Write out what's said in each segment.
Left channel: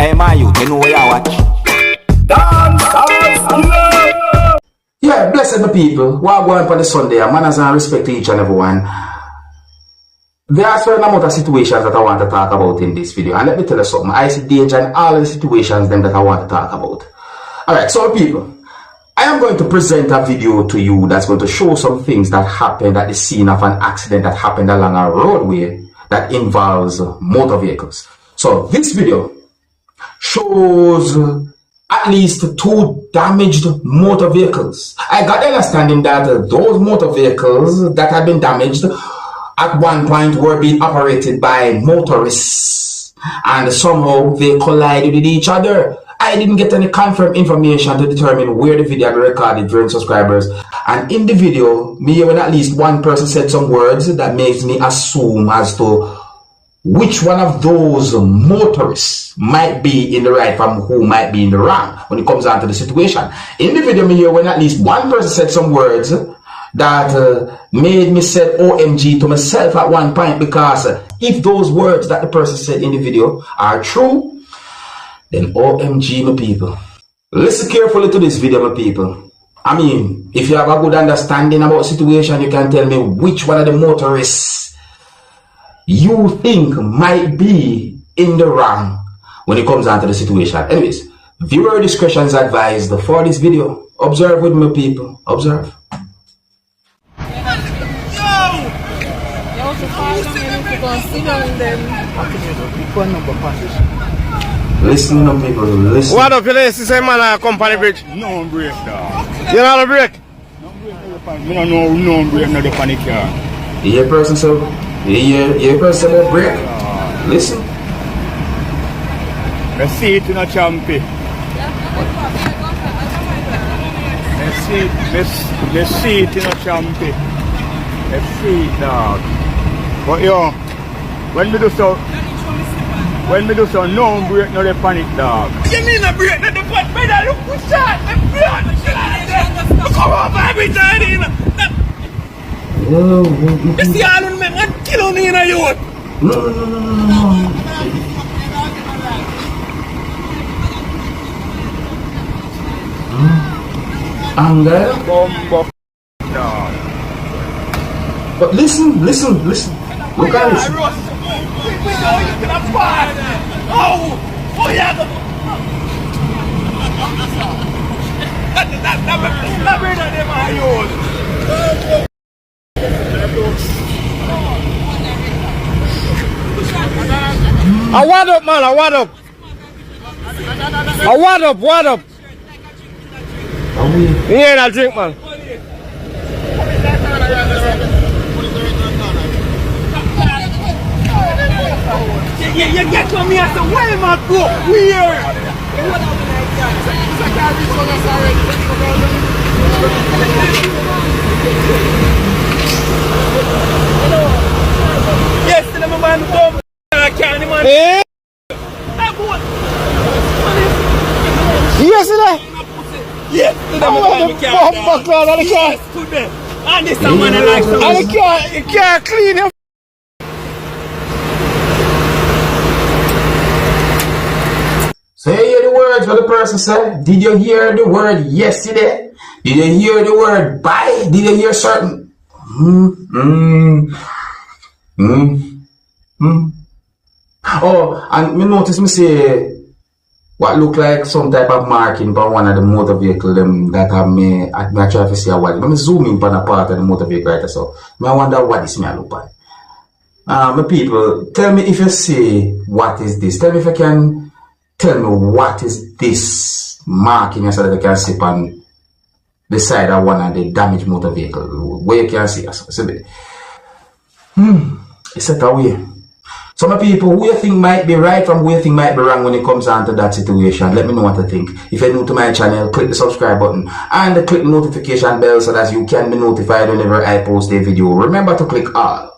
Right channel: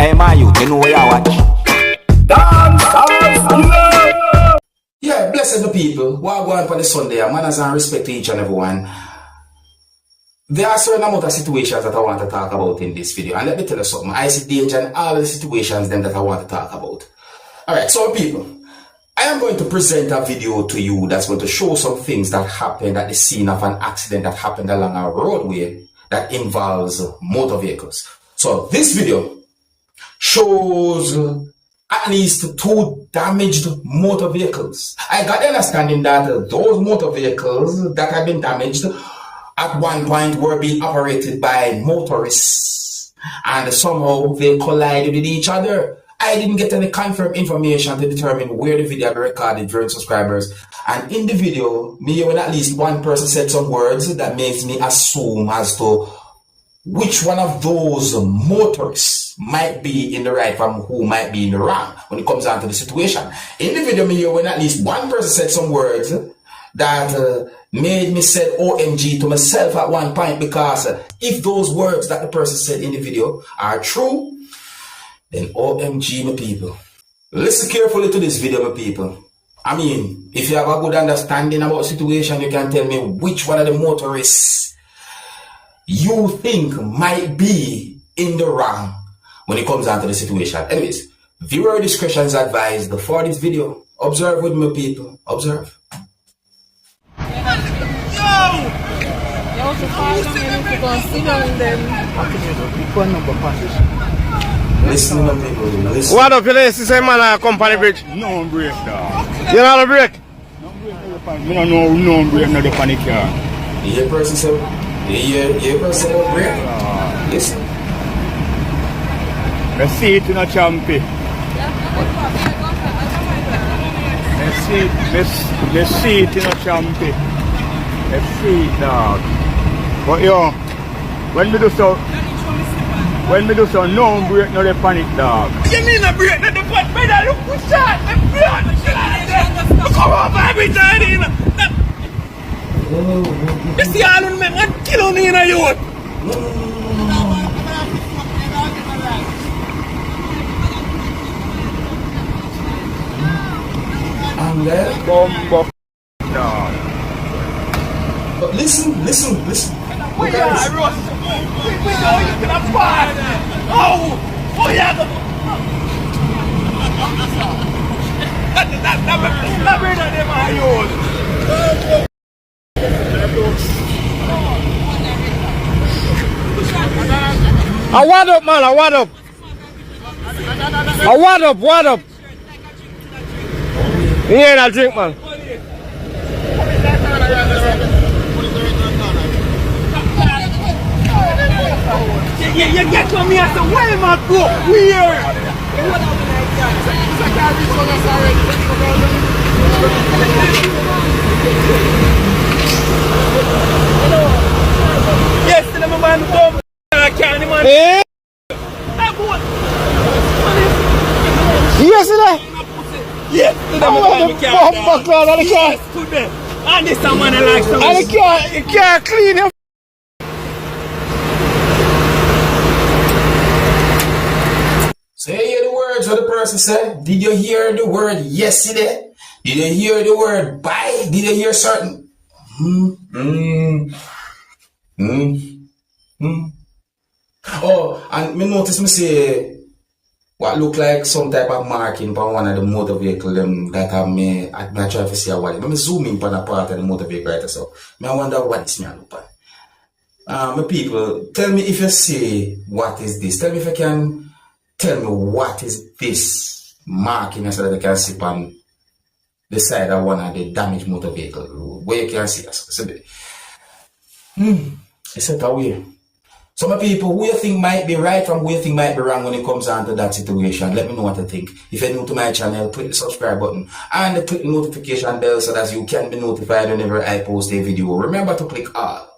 Hey, my youth, you know where you watch? Dancehall skilla. Yeah, blessed the people. What going on the Sunday? Manners and respect to each and everyone. There are certain amount of situations that I want to talk about in this video. And let me tell you something. I see danger in all of the situations them that I want to talk about. Alright, so people, I am going to present a video to you that's going to show some things that happened at the scene of an accident that happened along a roadway that involves motor vehicles. So this video shows at least 2 damaged motor vehicles. I got the understanding that those motor vehicles that have been damaged at one point were being operated by motorists and somehow they collided with each other. I didn't get any confirmed information to determine where the video had been recorded during subscribers. And in the video, me when at least one person said some words that makes me assume as to which one of those motorists might be in the right from who might be in the wrong when it comes down to the situation. In the video, me hear when at least one person said some words that made me say OMG to myself at one point, because if those words that the person said in the video are true, then OMG, my people. Listen carefully to this video, my people. I mean, if you have a good understanding about the situation, you can tell me which one of the motorists you think might be in the wrong when it comes down to the situation. Anyways, viewer discretion is advised for this video. Observe with me, people. Observe. Listen up, people. Listen. What up, you listen, say man, company bridge? No break, dog. You know how to break? No break, I don't know no break, no the panic car. You hear person say, you hear person say, break? Listen. The seat in a champy. The seat in a champy. The seat, dog. But yo, when me do so, no break, no the panic, dog. You mean a break? Not the pot, brother, look who shot, the blood. Look over every time, you know. You see all of them, and kill me in a youth. Anger. Bumbo, dog. But listen. Look at this. We know you can afford. Oh, yeah. That brother, them are yours. What up, man? What up? What up? You ain't a drink, man. You get to me as a way, man, bro. Weird. Yes, the man come. I can't, man. Eh? Yes, sir. Yes, today. And this someone I like someone. And you can't clean him. So you hear the words what the person said? Did you hear the word yesterday? Did you hear the word bye? Did you hear certain? Oh, and me notice me say what look like some type of marking for one of the motor vehicle that I try to see a while. Let me zoom in on a part of the motor vehicle right so. I wonder what this may look like. My people, tell me if you see what is this. Tell me if you can tell me what is this marking so that I can see on the side of one of the damaged motor vehicle. Where you can see us. It's set away. Some people who you think might be right from who you think might be wrong when it comes down to that situation. Let me know what you think. If you're new to my channel, click the subscribe button and click the notification bell so that you can be notified whenever I post a video. Remember to click all.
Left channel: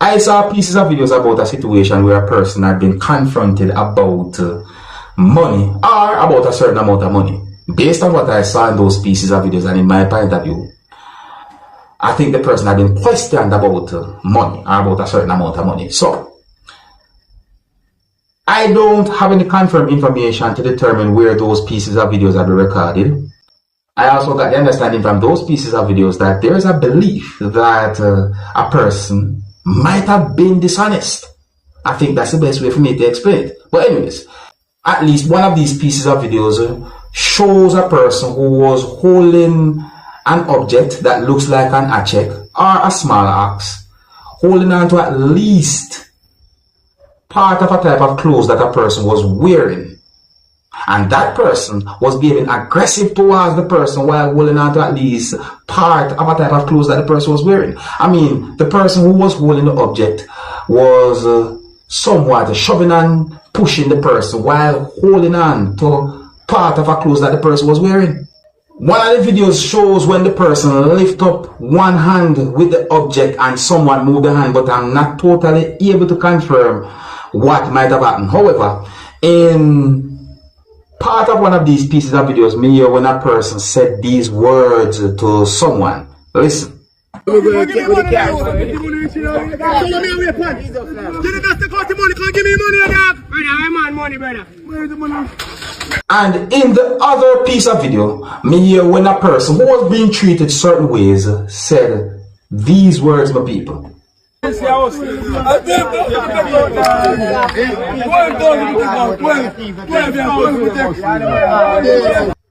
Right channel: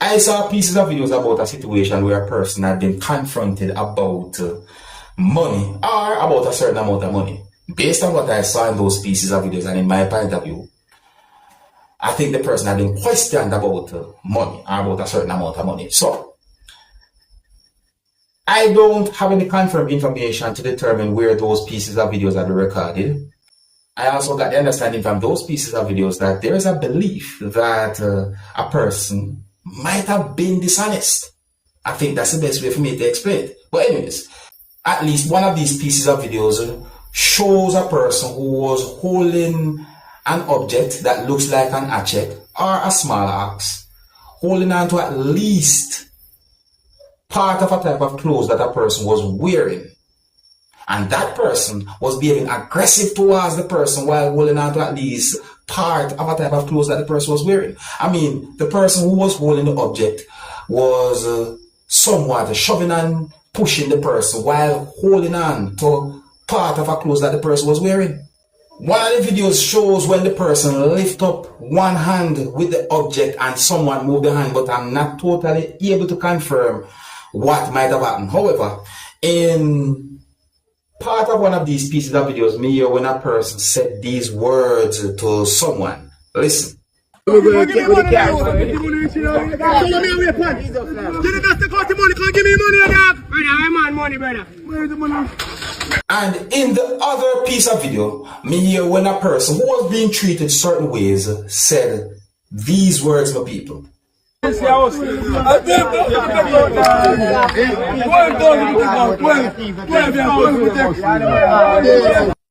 I saw pieces of videos about a situation where a person had been confronted about money or about a certain amount of money. Based on what I saw in those pieces of videos and in my point of view, I think the person had been questioned about money or about a certain amount of money. So, I don't have any confirmed information to determine where those pieces of videos have been recorded. I also got the understanding from those pieces of videos that there is a belief that a person might have been dishonest. I think that's the best way for me to explain it. But anyways, at least one of these pieces of videos shows a person who was holding an object that looks like an hatchet or a small axe, holding on to at least part of a type of clothes that a person was wearing. And that person was being aggressive towards the person while holding on to at least part of a type of clothes that the person was wearing. I mean, the person who was holding the object was somewhat shoving and pushing the person while holding on to part of a clothes that the person was wearing. One of the videos shows when the person lift up one hand with the object and somewhat move the hand, but I'm not totally able to confirm what might have happened. However, in part of one of these pieces of videos, me hear when a person said these words to someone. Listen. We're going to get with the cash. Give me money, dog. Brother, I'm on money, brother. Where's the money? And in the other piece of video, me hear when a person who was being treated certain ways said these words, my people.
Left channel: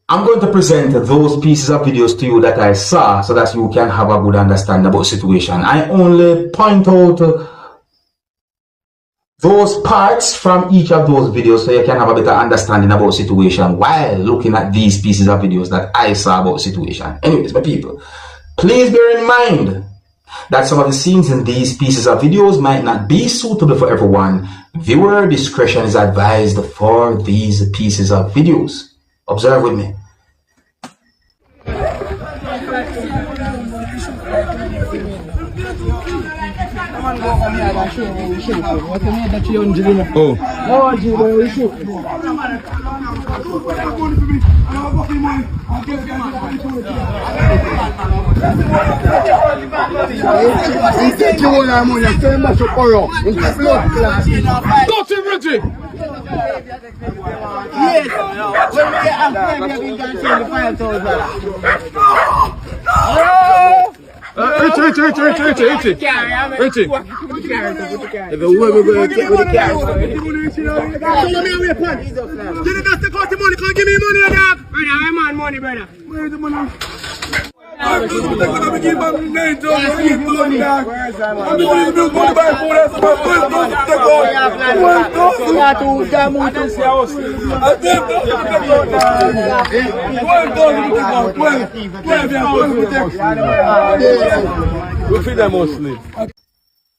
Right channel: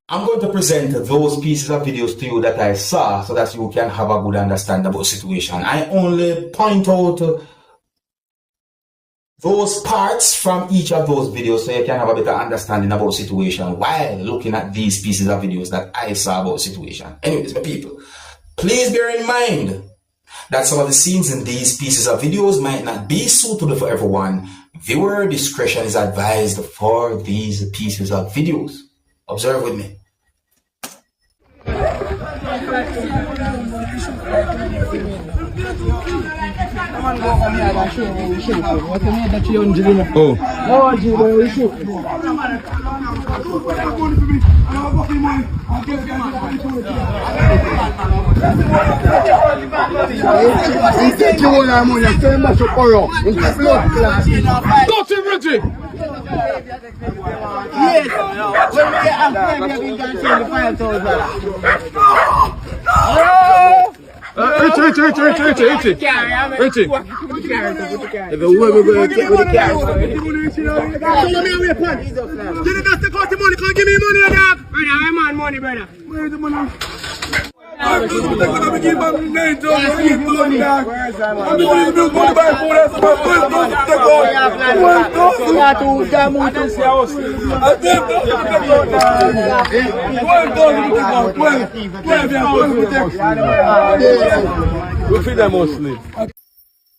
I'm going to present those pieces of videos to you that I saw so that you can have a good understanding about the situation. I only point out those parts from each of those videos so you can have a better understanding about the situation while looking at these pieces of videos that I saw about the situation. Anyways, my people, please bear in mind that some of the scenes in these pieces of videos might not be suitable for everyone. Viewer discretion is advised for these pieces of videos. Observe with me.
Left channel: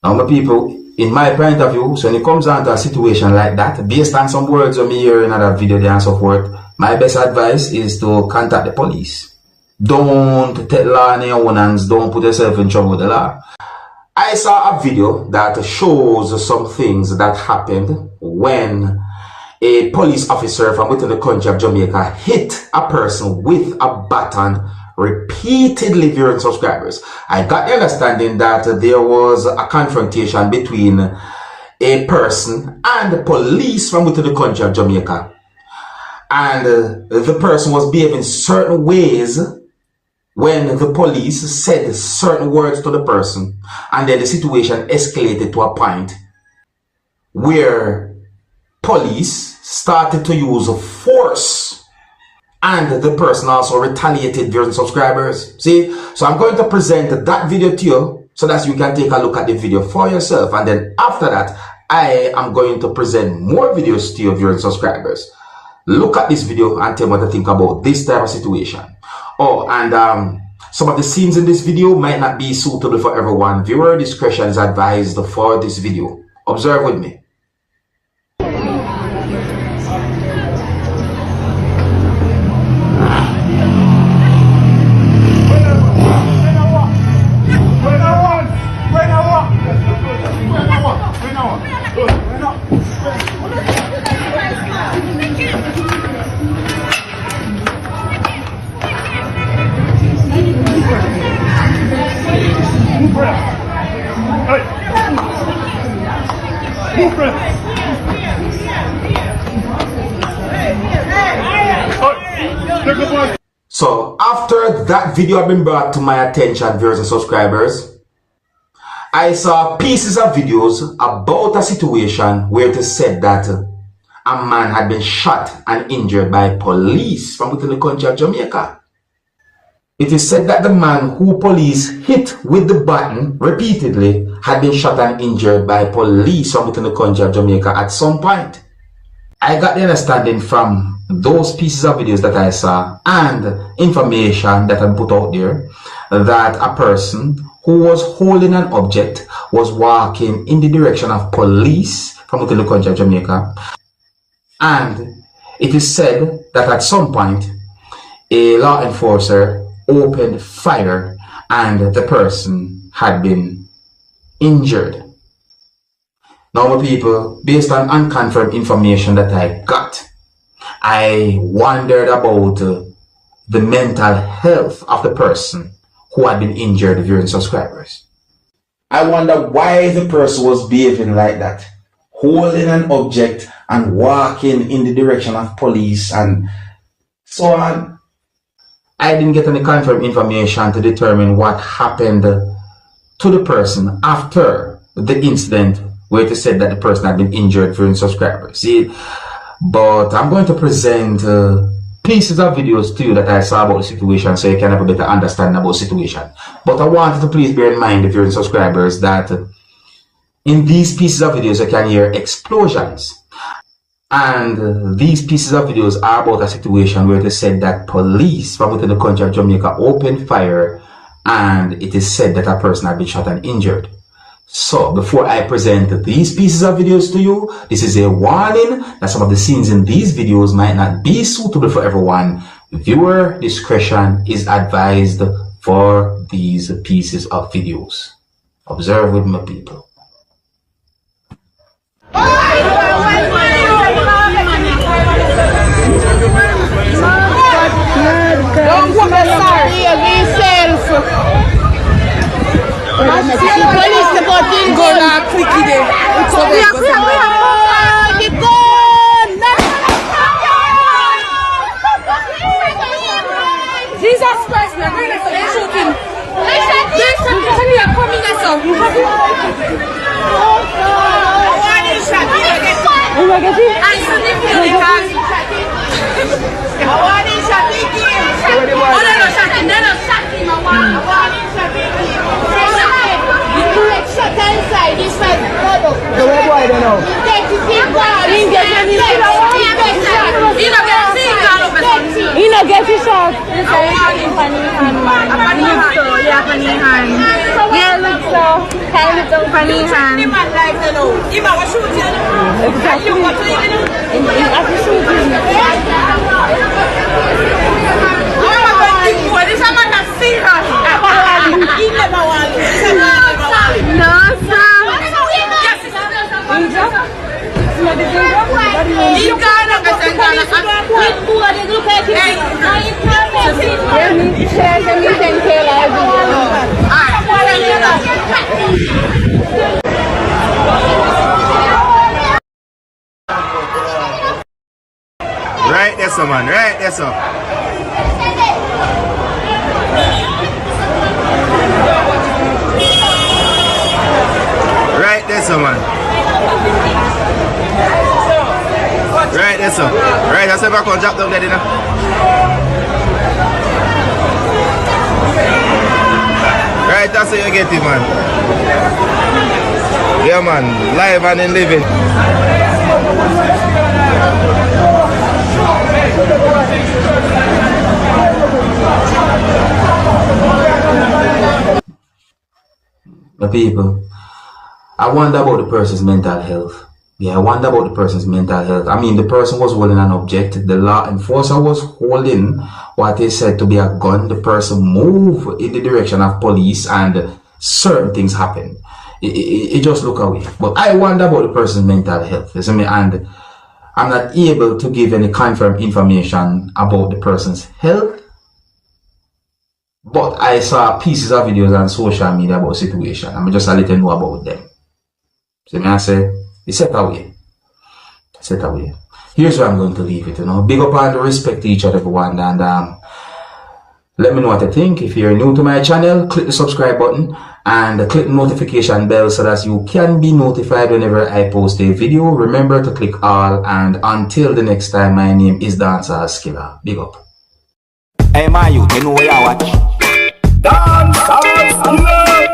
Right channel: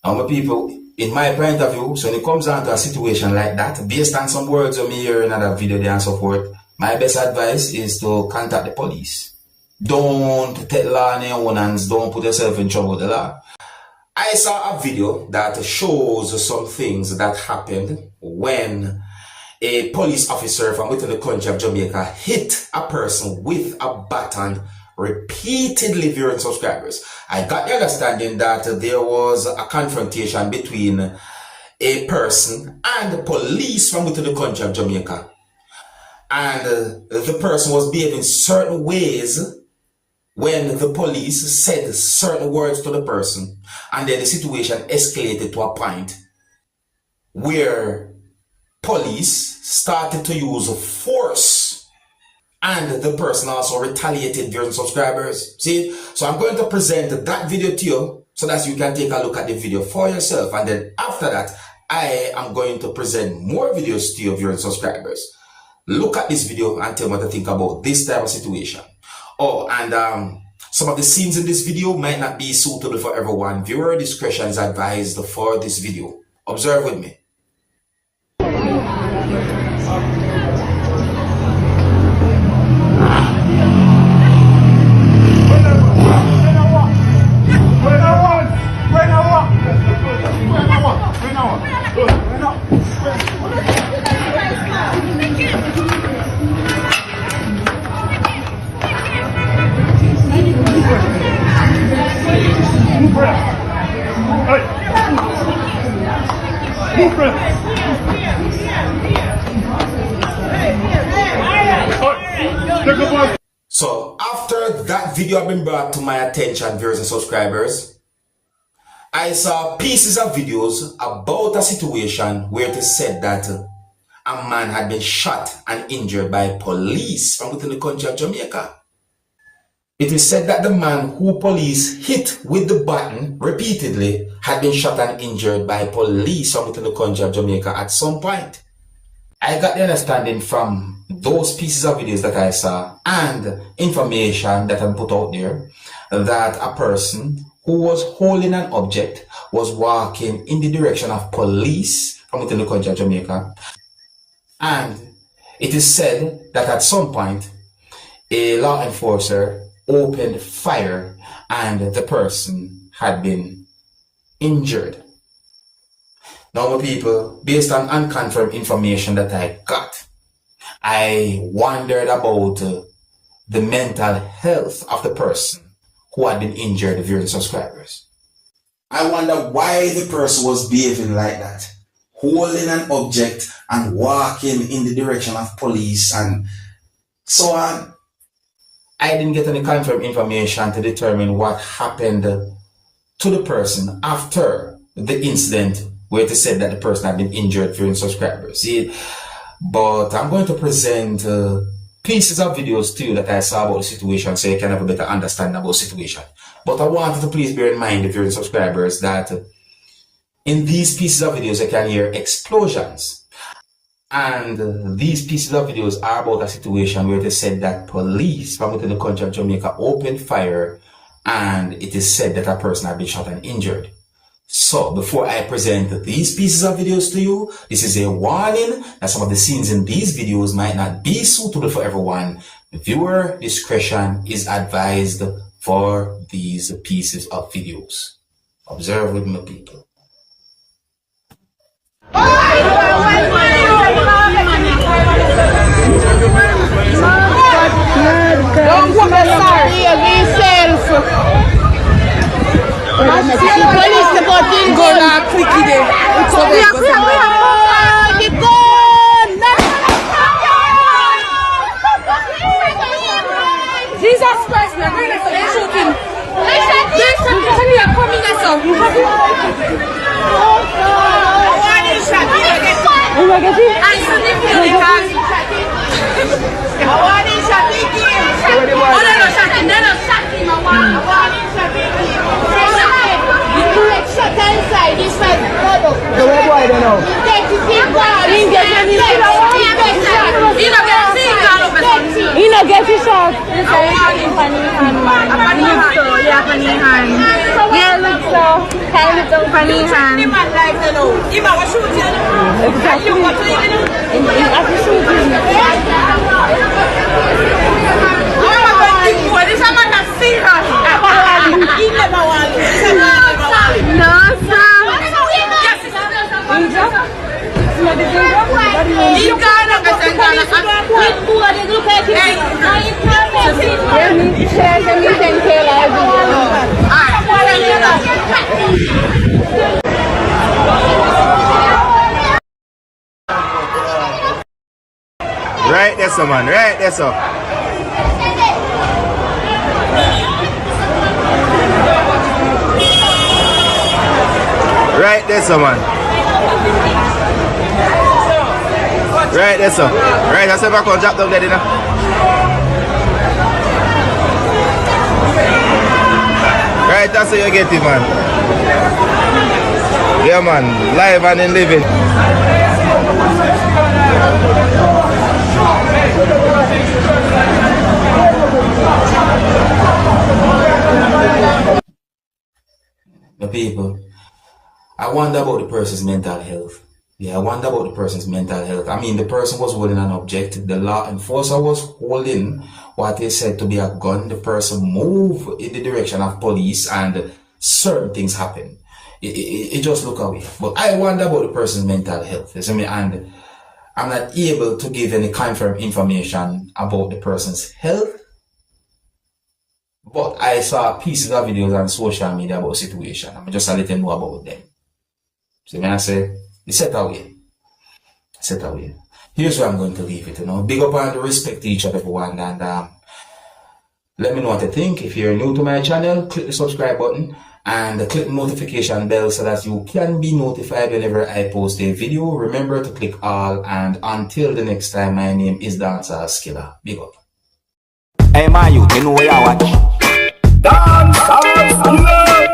Now, my people, in my point of view, so when it comes down to a situation like that, based on some words of me here in another video there and so forth, my best advice is to contact the police. Don't take law in your own hands. Don't put yourself in trouble with the law. I saw a video that shows some things that happened when a police officer from within the country of Jamaica hit a person with a baton repeatedly, viewing subscribers. I got the understanding that there was a confrontation between a person and the police from within the country of Jamaica. And the person was behaving certain ways when the police said certain words to the person, and then the situation escalated to a point where police started to use force, and the person also retaliated during subscribers. See, so I'm going to present that video to you so that you can take a look at the video for yourself, and then after that I am going to present more videos to you viewing subscribers. Look at this video and tell me what to think about this type of situation. Oh, and some of the scenes in this video might not be suitable for everyone. Viewer discretion is advised for this video. Observe with me. Move, So after that video had been brought to my attention, viewers and subscribers, I saw pieces of videos about a situation where it is said that a man had been shot and injured by police from within the country of Jamaica. It is said that the man who police hit with the baton repeatedly had been shot and injured by police from within the country of Jamaica at some point. I got the understanding from those pieces of videos that I saw and information that I put out there that a person who was holding an object was walking in the direction of police from within the country of Jamaica. And it is said that at some point a law enforcer opened fire and the person had been injured. Now, my people, based on unconfirmed information that I got, I wondered about the mental health of the person who had been injured, viewing subscribers. I wonder why the person was behaving like that, holding an object and walking in the direction of police and so on. I didn't get any confirmed information to determine what happened to the person after the incident where it is said that the person had been injured, viewing subscribers. See, but I'm going to present pieces of videos to you that I saw about the situation so you can have a better understanding about the situation. But I wanted to please bear in mind, viewing subscribers, that in these pieces of videos you can hear explosions. And these pieces of videos are about a situation where it is said that police from within the country of Jamaica opened fire and it is said that a person had been shot and injured. So before I present these pieces of videos to you, this is a warning that some of the scenes in these videos might not be suitable for everyone. Viewer discretion is advised for these pieces of videos. Observe with me, people. Don't put me sorry yourself. Police about in gun and clicky there. So we are the gun. Jesus Christ, we are going to start shooting. There's something we are coming as well. I saw the feeling has. I want to shot the game. Oh, they're not shotting. They're not shotting. I want to shot the game. The correct shot inside. This was product. So what do I don't know? Take it in God. He get any shot. He don't get shot. He don't get his shot. I want him funny hand. Yeah, funny hand. Yeah, look so. Kind of funny hand. He might like to know. He might want to shoot you. Exactly. You want to know? He has to shoot you. This is not serious. He never want to. No, sir. You can't understand Right there, so man. Right there, so. Right there, so man. Right there, so. Right, that's if I can drop down there, you know. Right, that's how you get it, man. Yeah, man. Live and in living. My people, I wonder about the person's mental health. Yeah, I wonder about the person's mental health. I mean, the person was holding an object. The law enforcer was holding what they said to be a gun. The person moved in the direction of police and certain things happened. It just look away. But I wonder about the person's mental health. You see me? And I'm not able to give any confirmed information about the person's health. But I saw pieces of videos on social media about the situation. I'm just let you know about them. See me? I say, it's set away. Set away. Here's where I'm going to leave it, you know. Big up and respect each other, everyone. And Let me know what you think. If you're new to my channel, click the subscribe button and click the notification bell so that you can be notified whenever I post a video. Remember to click all, and until the next time, my name is Dancehall Skilla. Big up. Hey, my youth, you know where you watch? Dancehall skilla.